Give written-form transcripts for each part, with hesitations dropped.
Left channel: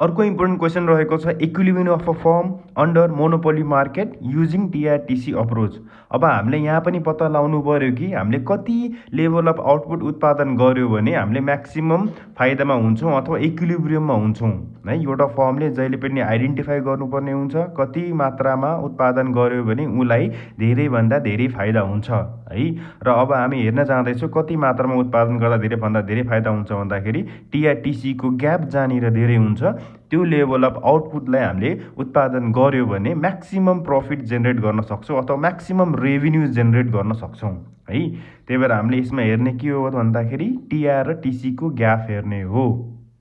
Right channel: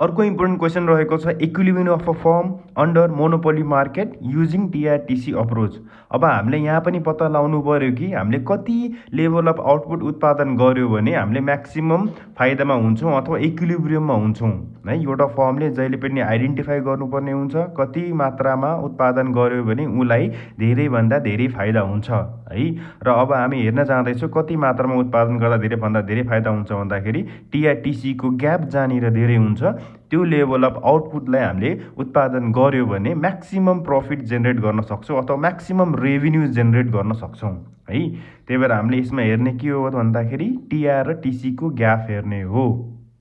अर्को important question रहेको छ equilibrium of a firm under monopoly market using TR TC approach. अब हामीले यहाँ पनि पत्ता लगाउनु पर्यो कि हामीले कति लेभल अफ आउटपुट उत्पादन गर्यो भने हामीले म्याक्सिमम फाइदामा हुन्छौँ अथवा इक्विलिब्रियममा हुन्छौँ है। एउटा फर्मले जहिले पनि आइडेन्टिफाई गर्नुपर्ने हुन्छ कति मात्रामा उत्पादन गर्यो भने उसलाई धेरैभन्दा धेरै फाइदा हुन्छ है। र अब हामी हेर्न जाँदैछौँ कति मात्रामा उत्पादन गर्दा धेरैभन्दा धेरै फाइदा हुन्छ भन्दाखेरि टिआरटिसीको ग्याप जहाँनिर धेरै हुन्छ त्यो लेभल अफ आउटपुटलाई हामीले उत्पादन गर्यो भने म्याक्सिमम प्रफिट जेनेरेट गर्न सक्छौँ अथवा म्याक्सिमम रेभिन्यू जेनेरेट गर्न सक्छौँ है। त्यही भएर हामीले यसमा हेर्ने के हो भन्दाखेरि टिआर र टिसीको ग्याप हेर्ने हो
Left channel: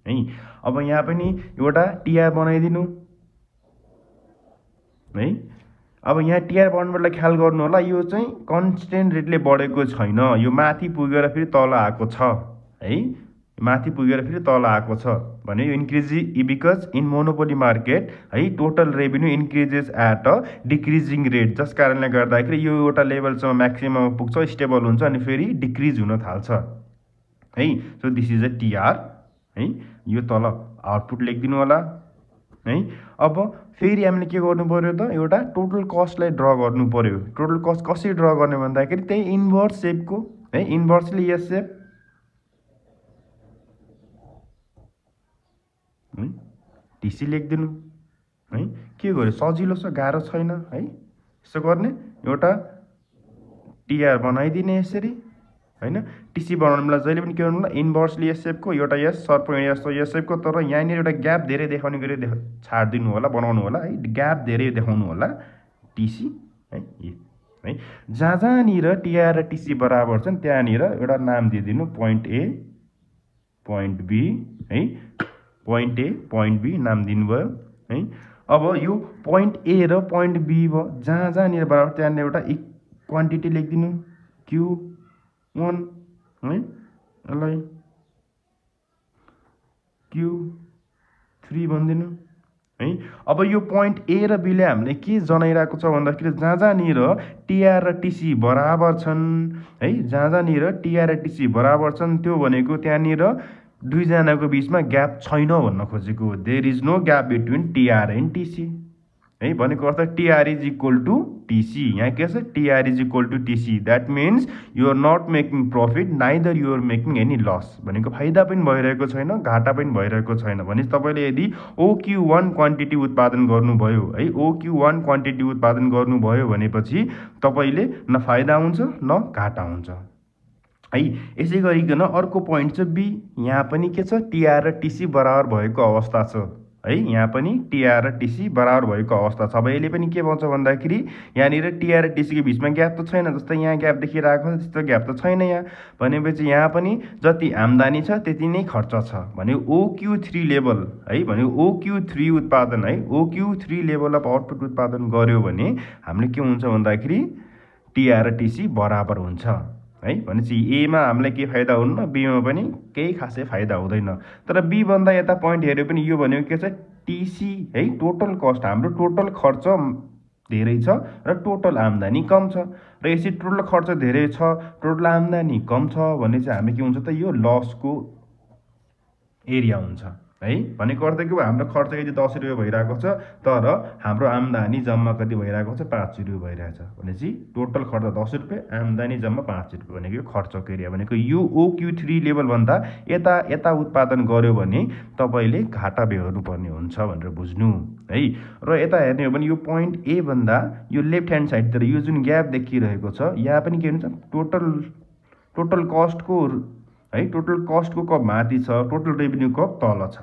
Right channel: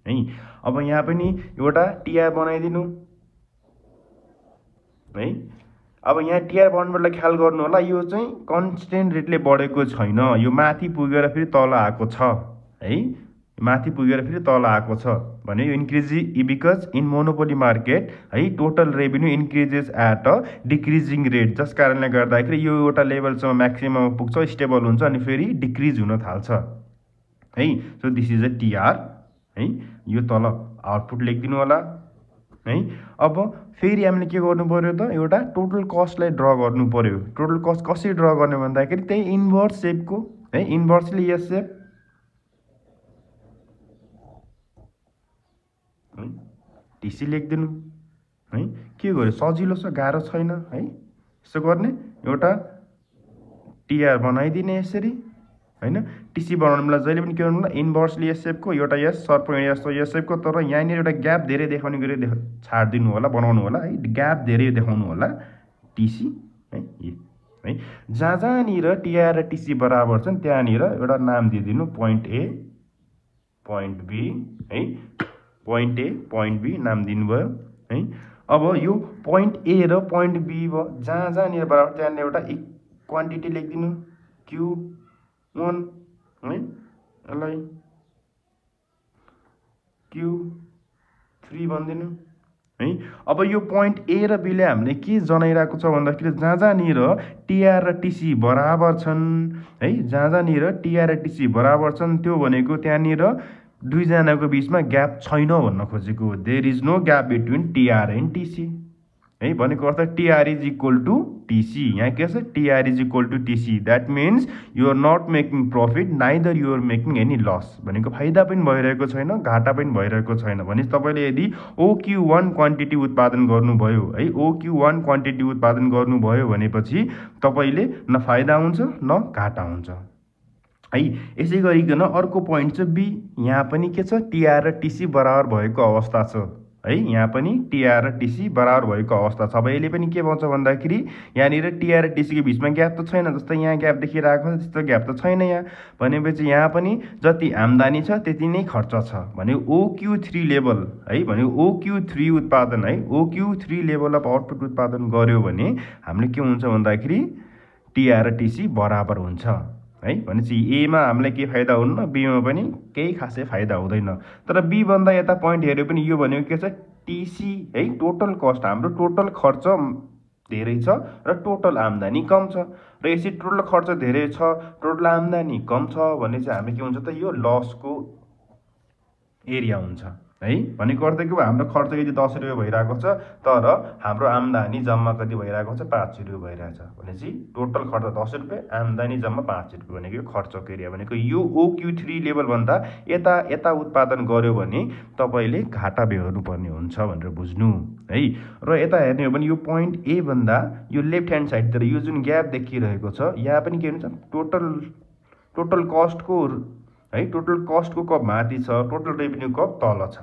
है। अब यहाँ पनि एउटा टिआर बनाइदिनु है। अब यहाँ टिआर बनाउनलाई ख्याल गर्नु होला यो चाहिँ कन्स्टेन्ट रेटले बढेको छैन, यो माथि पुगेर फेरि तल आएको छ है। माथि पुगेर फेरि तल आएको छ भने यो increase because in monopoly market है total revenue increases at a decreasing rate, जस कारणले गर्दाखेरि यो एउटा लेभलसम्म म्याक्सिमम पुग्छ स्टेबल हुन्छ अनि फेरि डिक्रिज हुन थाल्छ है। So this is a TR है। यो तल आउटपुट लेखिदिनु होला है। अब फेरि हामीले के गर्नु पर्यो त एउटा टोटल कस्टलाई ड्र गर्नु पर्यो। टोटल कस्ट कसरी ड्र गर्ने भन्दाखेरि त्यही इन्भर्स सेपको है, इन्भर्सली यस सेप है टिसी लेखिदिनु है। के गर्यो सजिलो छ गाह्रो छैन है। यसो गर्ने एउटा टिआर बनाइदिने यसरी हैन। टिसी बनाउनुलाई जहिले पनि के गर्नु होला इन्भर्सली यस सेपको एउटा यस सर्प यस्तो यस सेपको, तर यहाँनिर एउटा ग्याप धेरै देखाउने गरी छाड्दिनु होला बनाउनु होला है। ग्याप धेरै देखाउनु होला टिसी है। जहाँ जहाँनिर टिआर र टिसी बराबर छन् त्यहाँनिर एउटा नाम दिइदिनु पोइन्ट ए पोइन्ट बी है। पोइन्ट ए पोइन्ट बी नाम दिनुभयो है। अब यो पोइन्ट ए र पोइन्ट बी भयो जहाँ जहाँनिर बराबर त्यहाँनिर एउटा क्वान्टिटी लेखिदिनु Q1 है, यसलाई Q3 भनिदिनु है। अब यो पोइन्ट ए र बीले हामीले के जनाइरहेको छ भन्दाखेरि जहाँ जहाँनिर टिआर र टिसी बराबर छन् है, जहाँ जहाँनिर टिआर र टिसी बराबर छन् त्यो भनेको त्यहाँनिर दुईजनाको बिचमा ग्याप छैन भन्न खोजेको। There is no gap between TR and TC है। भनेको अर्थ TR is equal to TC. यहाँ के छ TR is equal to TC, that means you are not making profit neither you are making any loss. भनेको फाइदा पनि भइरहेको छैन घाटा पनि भइरहेको छैन। भनेपछि तपाईँले यदि OQ1 क्वान्टिटी उत्पादन गर्नुभयो है, OQ1 क्वान्टिटी उत्पादन गर्नुभयो भनेपछि तपाईँले न फाइदा हुन्छ न घाटा हुन्छ है। यसै गरिकन अर्को पोइन्ट चाहिँ बी। यहाँ पनि के छ टिआर र टिसी बराबर भएको अवस्था छ है। यहाँ पनि टिआर र टिसी बराबर भएको अवस्था छ। अब यसले पनि के भन्छ भन्दाखेरि यहाँनिर टिआर र टिसीको बिचमा ग्याप त छैन, जस्तै यहाँ ग्याप देखिरहेको छ त्यस्तो ग्याप त छैन यहाँ। भनेपछि यहाँ पनि जति आम्दानी छ त्यति नै खर्च छ। भने OQ3 लेभल है, भने OQ3 उत्पादन है, OQ3 लेभल अफ आउटपुट उत्पादन गर्यो भने हामीले के हुन्छ भन्दाखेरि टिआर र टिसी बराबर हुन्छ है। भनेपछि एमा हामीलाई के फाइदा हुन्न, बीमा पनि केही खासै फाइदा हुँदैन। तर बी भन्दा यता पोइन्ट हेऱ्यो पनि यो भनेको के छ टिसी है, टोटल कस्ट हाम्रो टोटल खर्च धेरै छ र टोटल आम्दानी कम छ। र यसरी टोटल खर्च धेरै छ टोटल आम्दानी कम छ भने चाहिँ हामी के हुन्छ त यो लसको एरिया हुन्छ है। भनेको अर्थ के हाम्रो खर्च यदि 10 रुपियाँ भइरहेको छ तर हाम्रो आम्दानी जम्मा कति भइरहेको छ 5 रुपियाँ भइरहेछ भनेपछि टोटल खर्च 10 रुपियाँ आम्दानी जम्मा 5 रुपियाँ भनेको खर्चको एरिया। भनेको यो OQ3 लेभल भन्दा यता उत्पादन गर्यो भने तपाईले घाटा बेहोर्नु पर्ने हुन्छ भनेर बुझ्नु है। र यता हेर्ने हो भने यो पोइन्ट ए भन्दा यो लेफ्ट ह्यान्ड साइडतिर यो जुन ग्याप देखिरहेको छ यहाँ पनि के हुन्छ टोटल कस्टको है, टोटल कस्टको कब माथि छ टोटल रेभिन्यू कब तल छ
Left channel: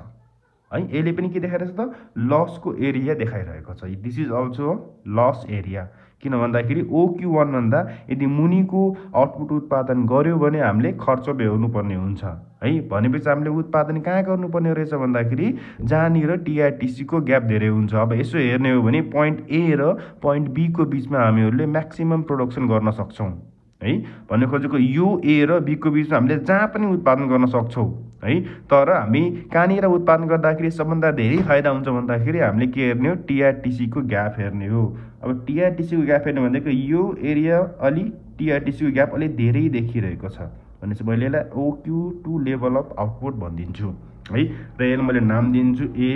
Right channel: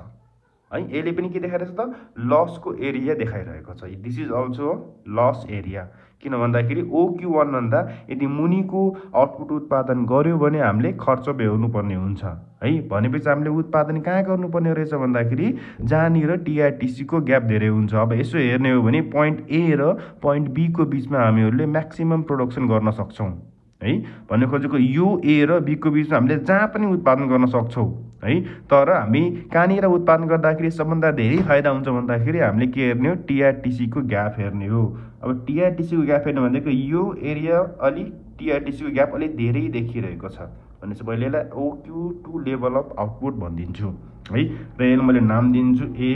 है। यसले पनि के देखाइरहेछ त लसको एरिया देखाइरहेको छ। This is also loss area. किन भन्दाखेरि OQ1 भन्दा यदि मुनिको आउटपुट उत्पादन गर्यो भने हामीले खर्च बेहोर्नु पर्ने हुन्छ है। भनेपछि हामीले उत्पादन कहाँ गर्नुपर्ने रहेछ भन्दाखेरि जहाँनिर टिआरटिसी को ग्याप धेरै हुन्छ। अब यसो हेर्ने हो भने पोइन्ट ए र पोइन्ट बी को बिचमा हामीहरूले म्याक्सिमम प्रोडक्सन गर्न सक्छौँ है। भन्ने खोजेको यो ए र बी को बिचमा हामीले जहाँ पनि उत्पादन गर्न सक्छौँ है। तर हामी कहाँनिर उत्पादन गर्दाखेरि सबभन्दा धेरै फाइदा हुन्छ भन्दाखेरि हामीले के हेर्ने हो टिआरटिसी को ग्याप हेर्ने हो। अब टिआरटिसी को ग्याप हेर्ने भनेको यो एरिया अलि टिआरटिसी को ग्याप अलिक धेरै देखिरहेको छ भनेपछि मैले यसलाई OQ2 लेभल अफ आउटपुट भनिदिन्छु है। र यसलाई मैले नाम दिन्छु A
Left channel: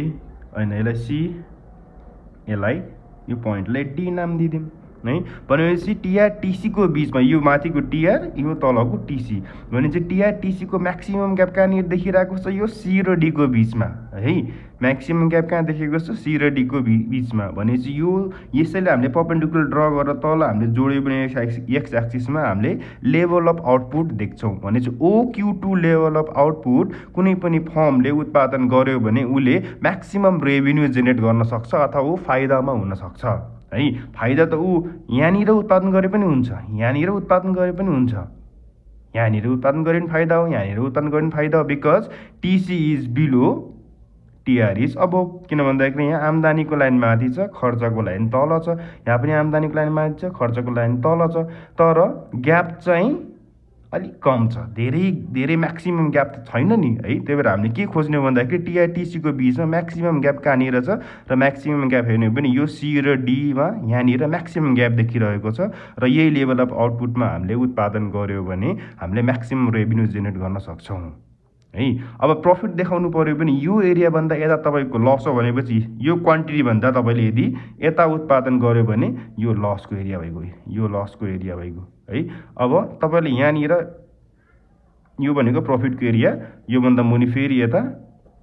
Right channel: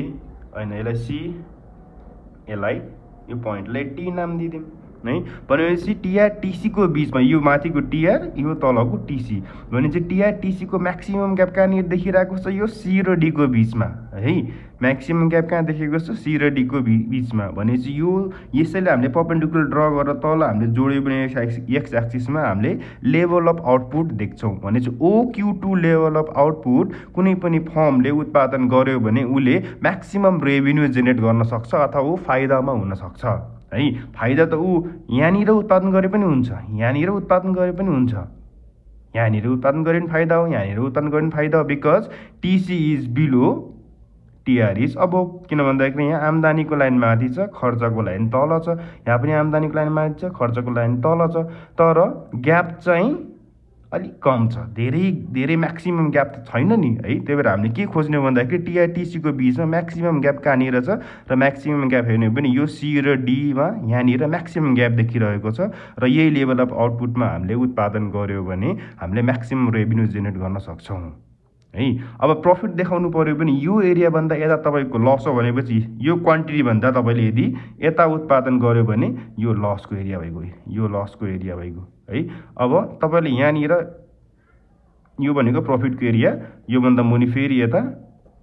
होइन यसलाई सी, यसलाई यो पोइन्टलाई डी नाम दिदिउँ है। भनेपछि टिआर टिसीको बिचमा यो माथिको टिआर यो तलको टिसी भनेपछि टिआर टिसीको म्याक्सिमम ग्याप कहाँनिर देखिरहेको छ, यो सी र डीको बिचमा है। म्याक्सिमम ग्याप कहाँ देखेको छ, सी र डीको बिचमा भनेपछि यो यसैले हामीले पर्पेन्डिकुलर ड्र गरेर तल हामीले जोड्यो भने एक्स एक्सिसमा हामीले लेभल अफ आउटपुट देख्छौँ। भनेपछि OQ2 लेभल अफ आउटपुट कुनै पनि फर्मले उत्पादन गर्यो भने उसले म्याक्सिमम रेभिन्यू जेनेरेट गर्न सक्छ अथवा ऊ फाइदामा हुनसक्छ है। फाइदा त ऊ यहाँनिर उत्पादन गरे पनि हुन्छ, यहाँनिर उत्पादन गरे पनि हुन्छ, यहाँनिर उत्पादन गरे पनि फाइदा हो, यहाँनिर उत्पादन गरे पनि फाइदा हो। Because TC is below, TR is above. किन भन्दाखेरि यहाँ आम्दानीको लाइन माथि छ, खर्चको लाइन तल छ। यहाँ पनि आम्दानीको लाइन माथि छ, खर्चको लाइन तल छ, तर ग्याप चाहिँ अलिक कम छ, धेरै म्याक्सिमम ग्याप त छैन नि है। त्यही भएर हामीले के खोज्ने भन्दाखेरि टिआर टिसीको बिचमा म्याक्सिमम ग्याप कहाँनिर छ र म्याक्सिमम ग्याप हेर्ने पनि यो सी र डीमा यहाँनिर म्याक्सिमम ग्याप देखिरहेको छ र यही लेभल अफ आउटपुटमा हामीले उत्पादन गर्यो भने हामीले म्याक्सिमम रेभिन्यू जेनेरेट गर्न सक्छौँ है। अब प्रफिट देखाउनु पर्यो भने यो एरियाभन्दा यता तपाईँको लस हो भनेपछि यो क्वान्टिटीभन्दा तपाईँले यदि यता उत्पादन गर्यो भने यो लसको एरिया भइगयो, यो लसको एरिया भइगयो है। अब तपाईँले यहाँनिर यो भनेको प्रफिटको एरिया, योभन्दा मुनि फेरि यता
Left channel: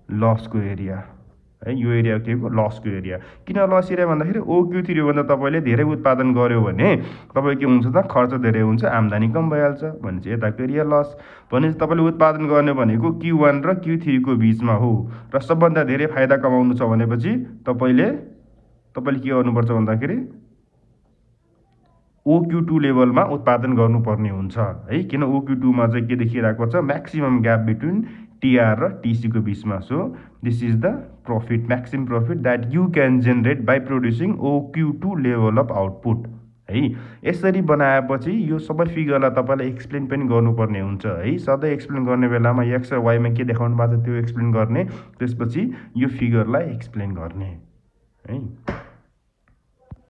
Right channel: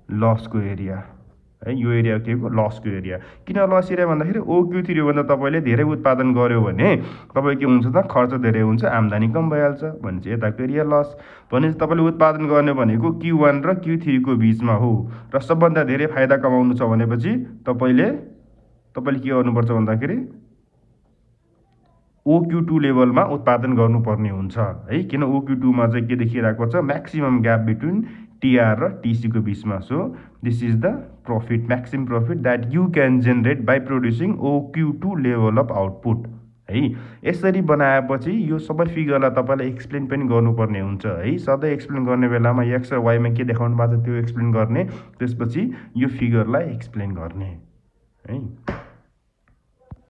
लसको एरिया है। यो एरिया के हो, लसको एरिया। किन लस एरिया भन्दाखेरि OQ3 भन्दा तपाईँले धेरै उत्पादन गर्यो भने तपाईँ के हुन्छ त, खर्च धेरै हुन्छ, आम्दानी कम भइहाल्छ भनेपछि यताको एरिया लस। भनेपछि तपाईँले उत्पादन गर्ने भनेको Q1 र Q3 को बिचमा हो र सबभन्दा धेरै फाइदा कमाउनु छ भनेपछि तपाईँले के गर्नुपर्छ भन्दाखेरि OQ2 लेभलमा उत्पादन गर्नुपर्ने हुन्छ है। किन OQ2 मा चाहिँ के देखिरहेको छ, म्याक्सिमम ग्याप बिट्विन टिआर र टिसीको बिचमा। So this is the profit, maximum profit that you can generate by producing OQ2 level of output है। यसरी बनाएपछि यो सबै फिगरलाई तपाईँलाई एक्सप्लेन पनि गर्नुपर्ने हुन्छ है। सधैँ एक्सप्लेन गर्ने बेलामा एक्स र वाईमा के देखाउनु भएको छ त्यो एक्सप्लेन गर्ने, त्यसपछि यो फिगरलाई एक्सप्लेन गर्ने है।